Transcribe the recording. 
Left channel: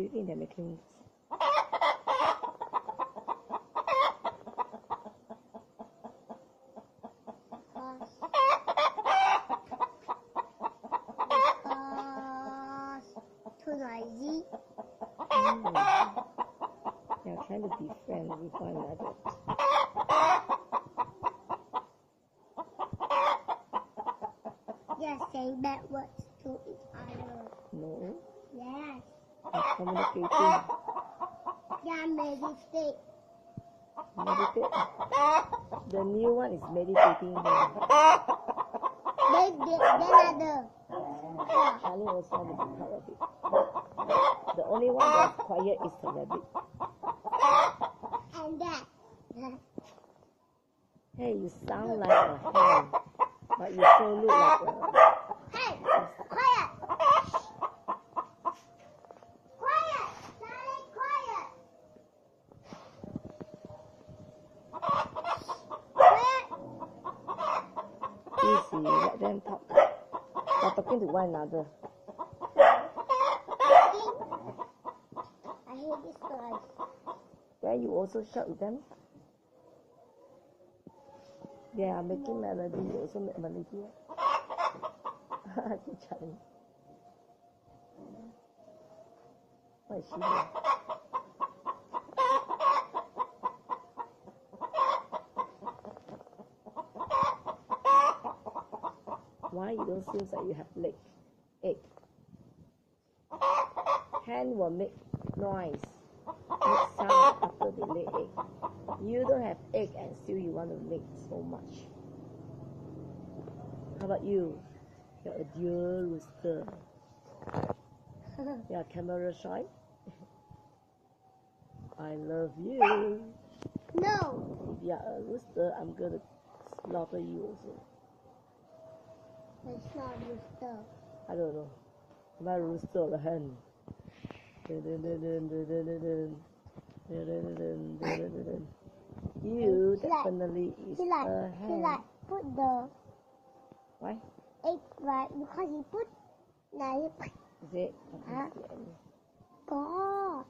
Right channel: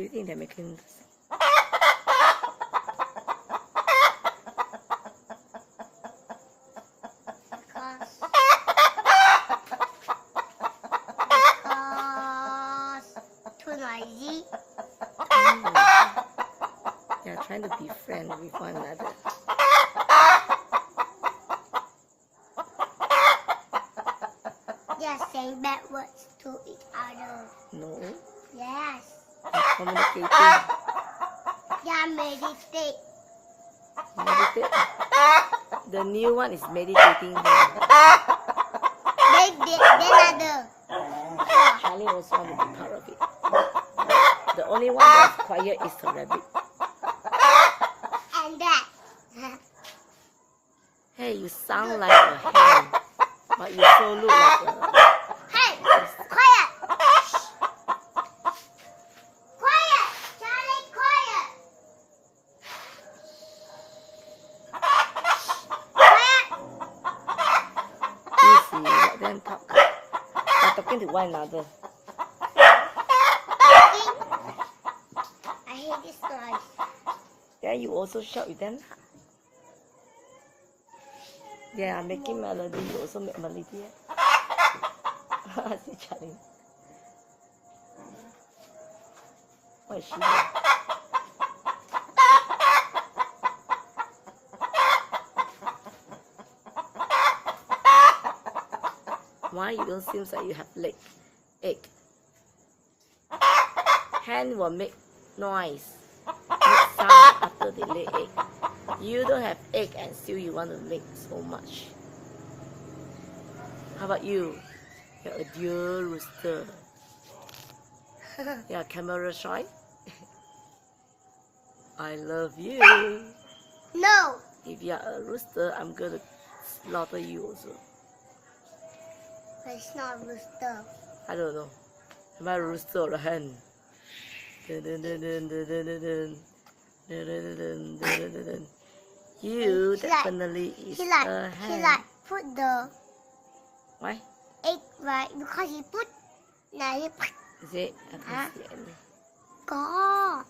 do you think they're making this? Because too noisy. They are trying to be friends with one another. They are saying bad words to each other. No, Yes. they're communicating. They are meditate. Meditate. The new one is meditating. They another. Charlie also want to be part of it. The only one that's quiet is the rabbit. And that. Hey, you sound like a hen, but you so look like a... Hey, quiet. Quiet. Charlie, quiet. Quiet. Easy, let them talk. They're talking to one another. I hate this noise. Then you also shout with them. They are making melody. You also make melody. See Charlie. What is she doing? Why you don't seem like you have egg? Hen will make noise, make sound after they lay egg. You don't have egg and still you want to make so much. How about you? You're a dear rooster. You're camera shy. I love you. No. If you're a rooster, I'm gonna slaughter you also. But it's not rooster. I don't know. Am I a rooster or a hen? Dun, dun, dun, dun, dun, dun, dun, dun. Dun, dun, dun, dun, dun, dun, dun. You definitely is a hen. He like put the Why? egg right because he put. Now he Is it? I can't see anything. có